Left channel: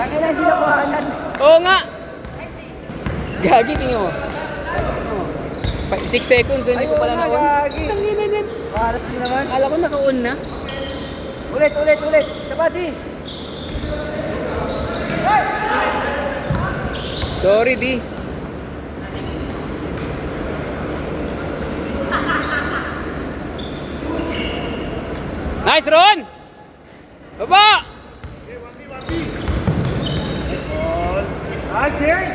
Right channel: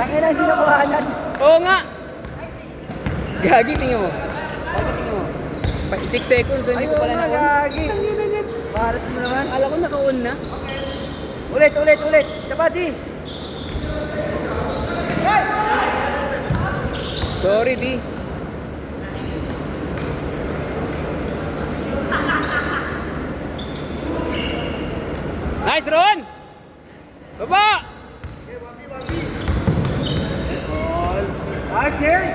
Tangina, hindi na buhanan. Oo nga! Gagi, tingnan mo. Gagi, tingnan mo. 6 seconds, hindi ko pala na-on. Gagi. Tangina yan. Paras mo naman. Akala ko naka-on na. Ulit. Sa body. Sorry, di. Nice, Ron! Baba! Nice, Jerry.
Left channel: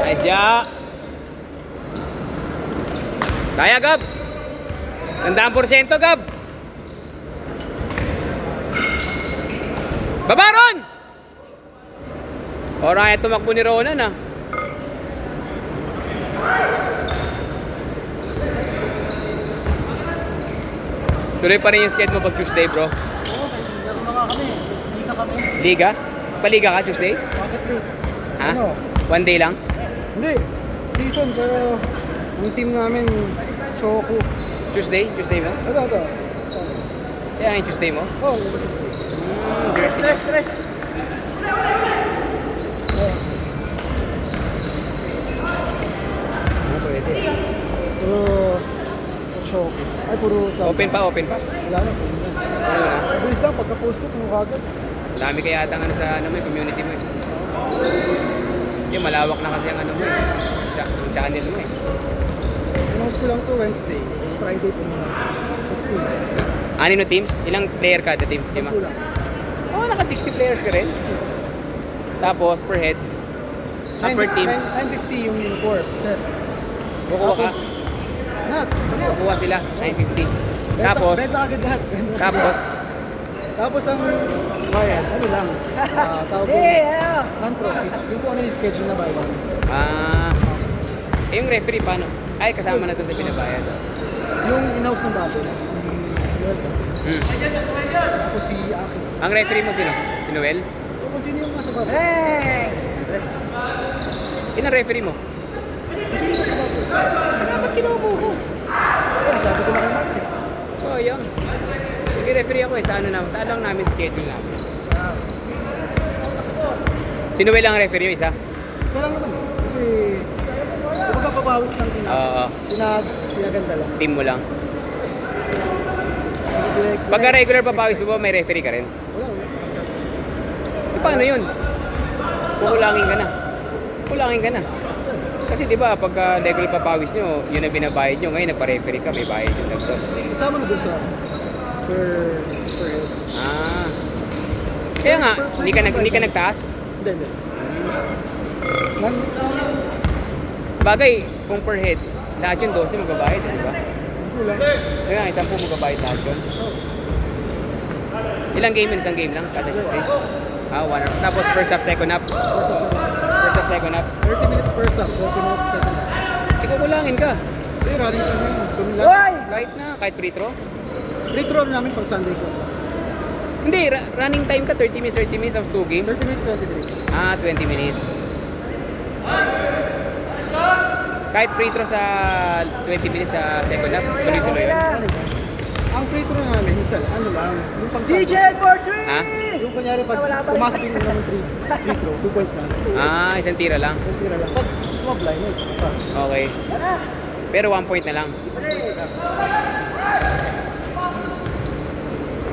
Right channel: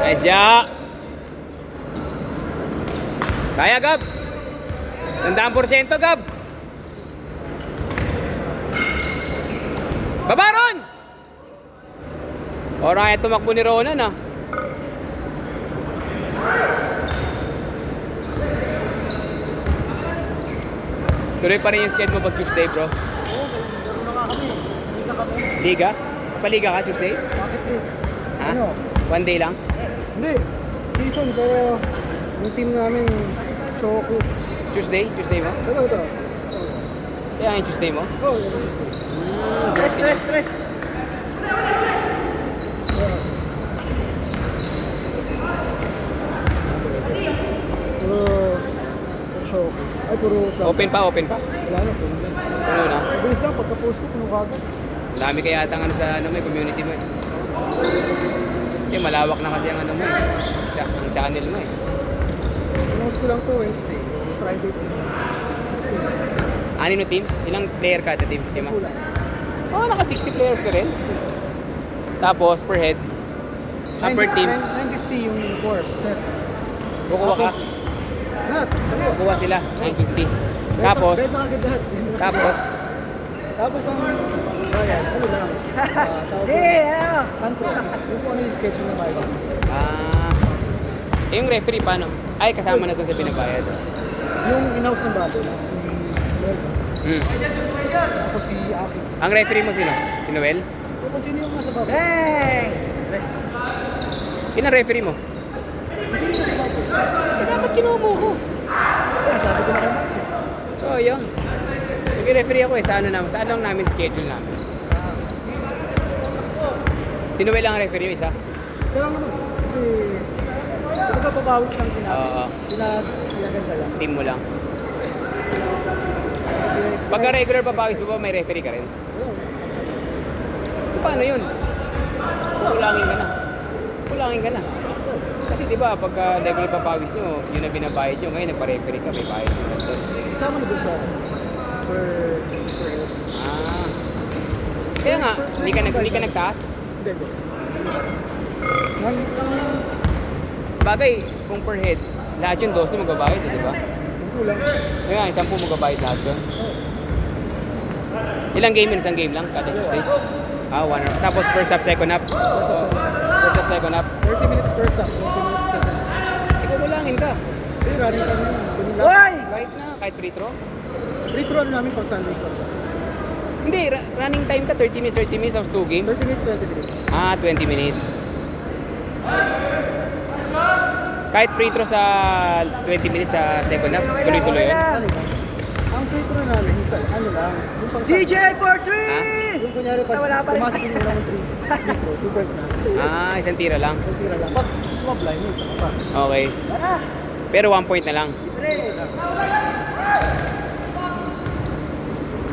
Nice, ja. Kaya, Gab. 100%, Gab. Baba, Ron! Alright, tumakbo ni Ronan, ah. Tuloy pa rin yung skate mo pag Tuesday, bro. Liga? Paliga ka Tuesday? Bakit di? Ha? Ano? One day lang? Hindi. Season pero yung team namin Shoku. Tuesday? Tuesday mo? Ito. Kaya yung Tuesday mo? Oh, Tuesday. Stress. Puro Shoku. Ay, puro slam. Open pa? Wala na, puro lang. Bilis lang, pagka-post ko, puno kagad. Dami kaya ata ano sa ano mo, community mo. Yung malawak na kasi ang ano mo. Ang channel mo eh. Post ko lang to Wednesday. It's Friday po. 6 teams. Anino teams? Ilang player ka ito team? Sima? Kulang. Oh, naka 60 players ka rin. Tapos per head. Per team. 950 yung 4 set. Kukuha ka. Lahat. Kukuha sila. 950. Tapos. Bet na agad lahat. Tapos. Tapos ang ayan, ano lang. Tawag Ano? non-profit. Yung kung ano yung schedule na bayad. Yung referee paano? Ay, kasama na dun sa pinabayad. Yung in-house ng bago, si Noel ba? Tapos si Aki. Ang referee mo sino? Si Noel? O kung sino yung nasa bago. Hey! Stress. Yung referee mo? Kung sino yung nasa bago. Dapat kinuha ko. Kaya sabi ko na kay Mark. So, yun. Nag-referee ako eh. Sa ano lang namin schedule namin. Si Noel ang referee yung isa? Isa lang naman. Kasi kapag napapawis lang Oo. pinaganda lang. Team mo lang. Pagka regular papawis mo, may referee ka rin. Paano yun? Kukulangin ka na. Kulangin ka na. Kasi di ba pagka regular papawis nyo, yun ang binabayad nyo. Ngayon nagpa-referee ka, may bayad nyo lang doon. Kasama na dun sa per head. Kaya nga, hindi ka nagtaas. Hindi. Bagay, kung per head, lahat yun 12 magbabayad, di ba? 10 lang. Kaya nga, 10 magbabayad lahat doon. Ilang game yun? Isang game lang kada Tuesday? One. Tapos first up, second up. First up, First up, second up. 30 minutes first up, 30 minutes second. Ikaw kulangin ka. Hindi, running kami yun. Hoy! Kahit free throw. Free throw namin pag Sunday ko. Hindi, running time ka 30 minutes, tapos 2 games. 30 minutes, 30 minutes. 20 minutes. Kahit free throw sa 20 minutes sa second half, tuloy-tuloy yun. Running ka. Ang free throw namin, isa, ano lang. Yung pang DJ for Ha? 3! Yung kunyari pag Wala pa rin. pumasok yung ng free throw, 2 points na. Isang tira lang. Isang tira lang. Pag sumablay mo, saka pa. Okay. Pero 1 point na lang.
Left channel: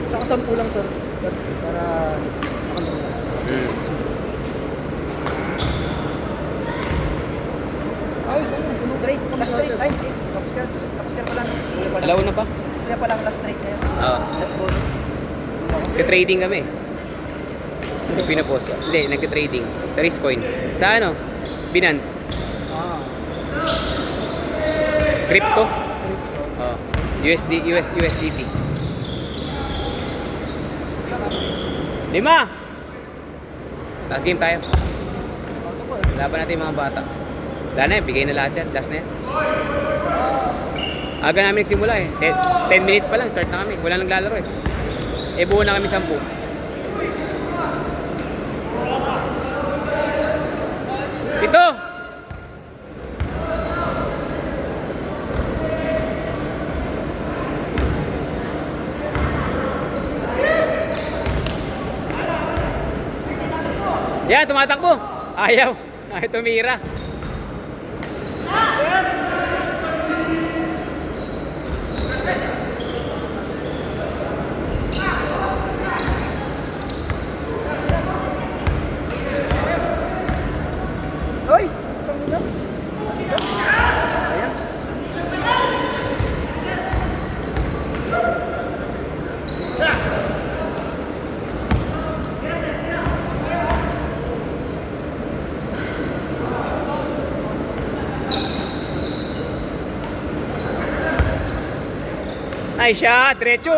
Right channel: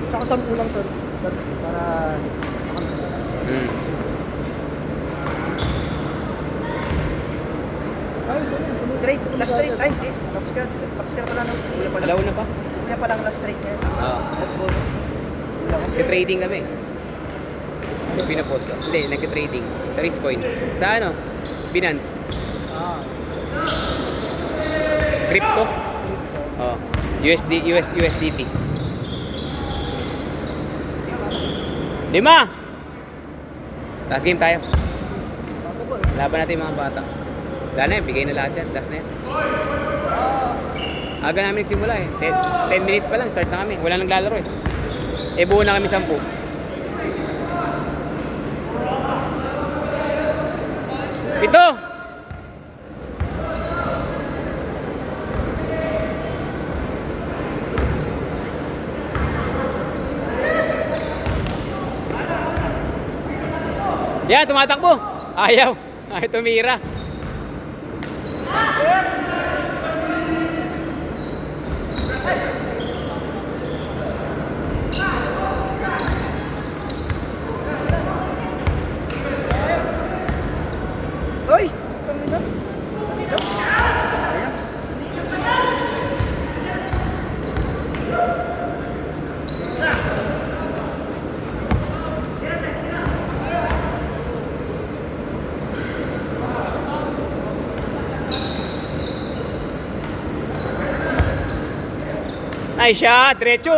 Tsaka 10 lang para Hmm. ayos. Last straight. Ay, hindi. Tapos ka pala no? Wala pa lang. Alaw na pa? Wala pa lang last straight ngayon. Oo. Last bonus. Nag-trading kami. Pinopost ka. Hindi, nag-trading. Sa Riskcoin. Sa ano? Binance. Crypto. Oh. USDT. 5! Last game tayo. Laban natin yung mga bata. Wala na, bigay na lahat yan. Last na yan. Aga namin nagsimula eh. 10 minutes pa lang, start na kami. Wala nang lalaro eh. Buo na kami 10. Ito! Yan, tumatakbo. Ayaw. Ayaw tumira. Hoy! Pangina! Ayan. Ay siya, diretso.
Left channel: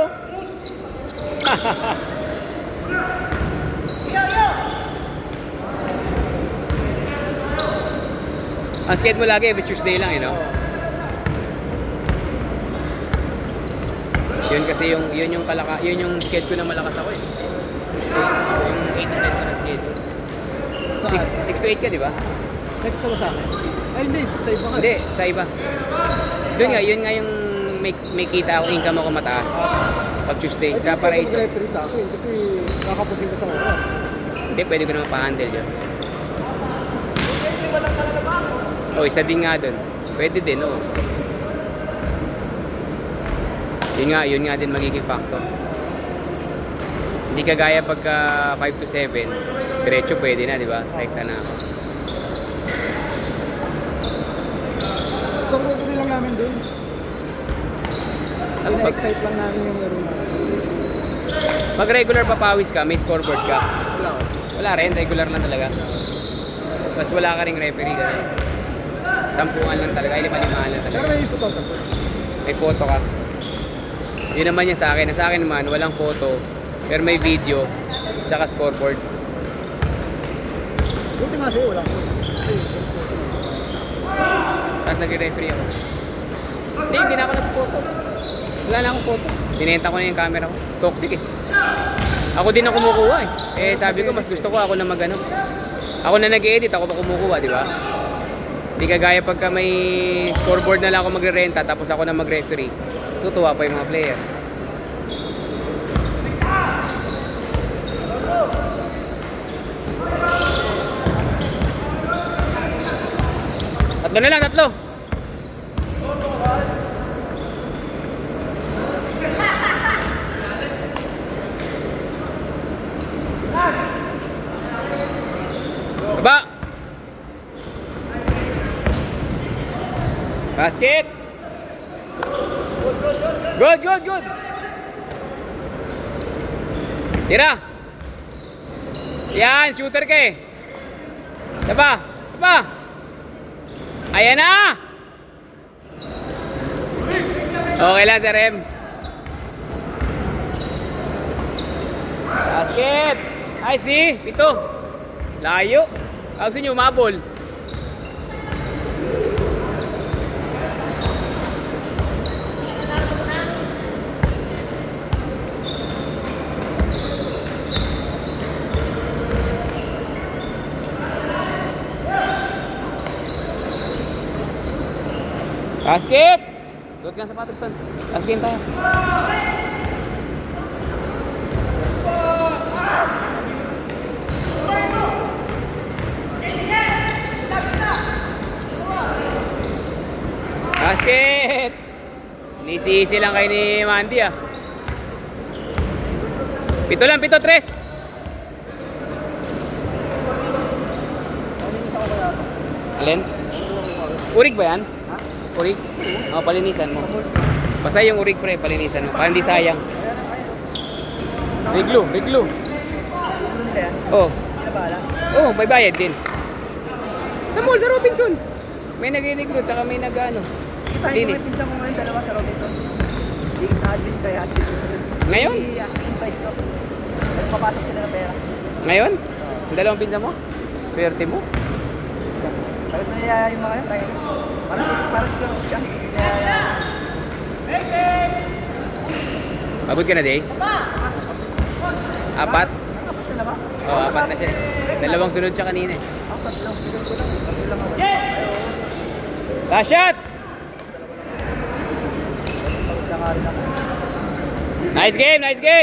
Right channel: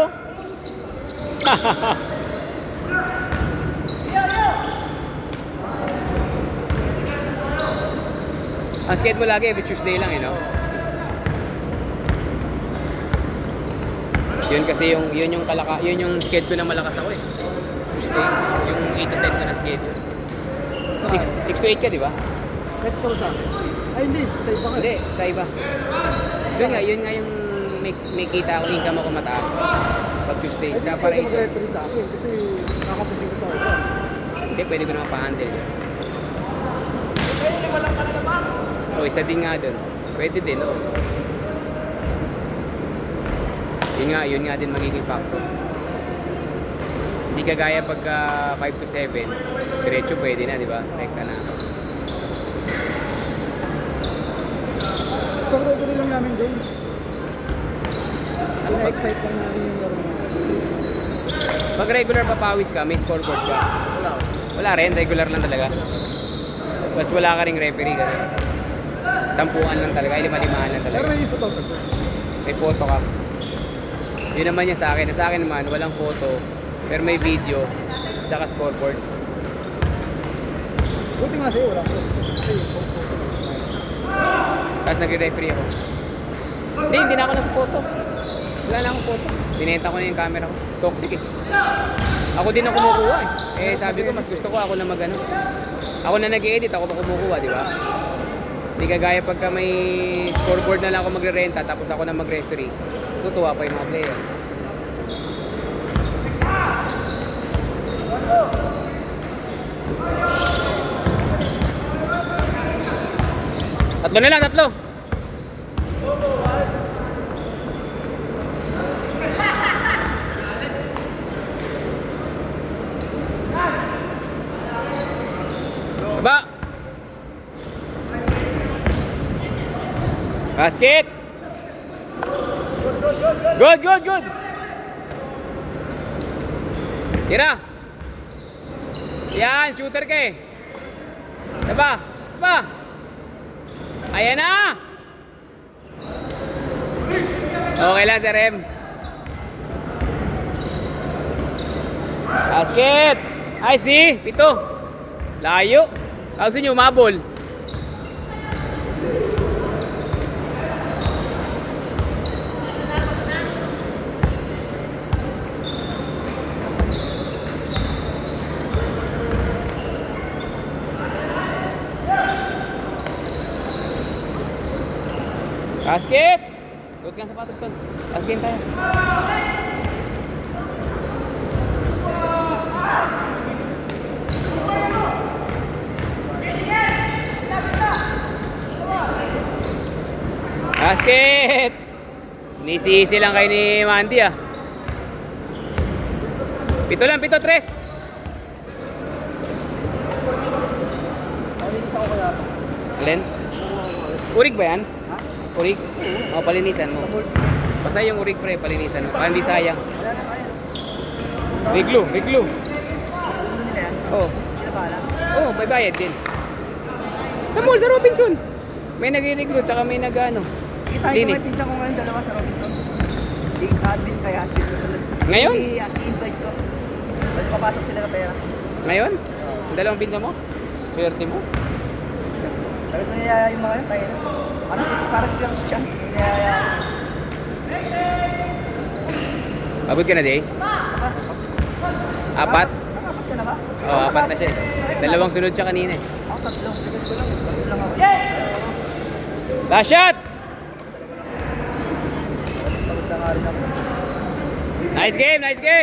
Ang skate mo lagi, every Tuesday lang, no? Yun kasi yun yung skate ko na malakas ako eh. Tuesday, yung 8 to 10 ko na skate. Saan? 6 to 8 ka, di ba? Text ka ba sa akin? Ay, hindi. Sa iba ka. Hindi, sa iba. Yun nga yung may kita ako, income ako mataas. Pag Tuesday, sa Paraiso. Referee sa akin kasi nakapusing ka sa labas. Hindi, pwede ko naman pa-handle yun. Oh, isa din nga dun. Pwede din, oh. Yun nga din magiging factor. Hindi kagaya pagka 5 to 7, diretso pwede na, di ba? Rekta na ako. So, gagawin lang namin doon. Ina-excite lang namin yung laro. Pag regular papawis ka, may scoreboard ka. Wala. Wala rin, regular lang talaga. Mas wala ka ring referee ka. Sampuan lang talaga, 5-5 lang Pero talaga. may photographer. May photo ka. Yun naman yan sa akin. Sa akin naman, walang photo. Pero may video, tsaka scoreboard. Buti nga sa'yo, walang post. Kasi yung photo mo, kumain sa akin. Tapos nagre-referee ako. Hindi na ako nag-photo. Wala na akong photo. Binenta ko na yung camera ko. Toxic eh. Ako din ang kumukuha eh. Eh sabi ko, mas gusto ko ako na mag-ano. Ako na nag-edit, ako pa kumukuha, di ba? Hindi kagaya pagka may scoreboard na lang ako magre-renta tapos ako na mag-referee. Tutuwa pa yung mga player. Tatlo na lang, tatlo! Diba? Basket! Good, good, good! Tira! Yan, shooter ka eh! Diba? Diba? Ayan na! Okay lang, Sir M. Basket! Nice, D! Ito! Layo! Gusto nyo, umabol. Basket! Good kang sapatos doon. Last game tayo. Basket! Nisisi lang kayo ni Mandy ah. 7 lang, 7, 3. Palinis ako kaya pa. Alin? Urig ba yan? Ha? Urig? O, palinisan mo. Basta yung urig pre, palinisan mo. Para hindi sayang. Wala na kaya. Riglo, riglo. Ano nila yan? Oh, Sila bahala? oh, may bayad din. Sa mall, sa Robinson. May nagre-riglo, tsaka may nag-ano. Kita, hindi Linis. may pinsan ko ngayon dalawa sa Robinson. I-admin kaya admin ko talaga. Ngayon? I-invite ko. Magpapasok sila ng pera. Ngayon? Ang dalawang pinsa mo? Swerte mo? Sagot na nila yung mga yun, kaya na. Para si Carlos siya. Pagod ka na, Day? 4? Apat na ba? Oo, 4 na siya. Dalawang sunod siya kanina eh. Apat lang. Yun lang ako. Last shot! Pagod na nga rin ako. Nice game, nice game!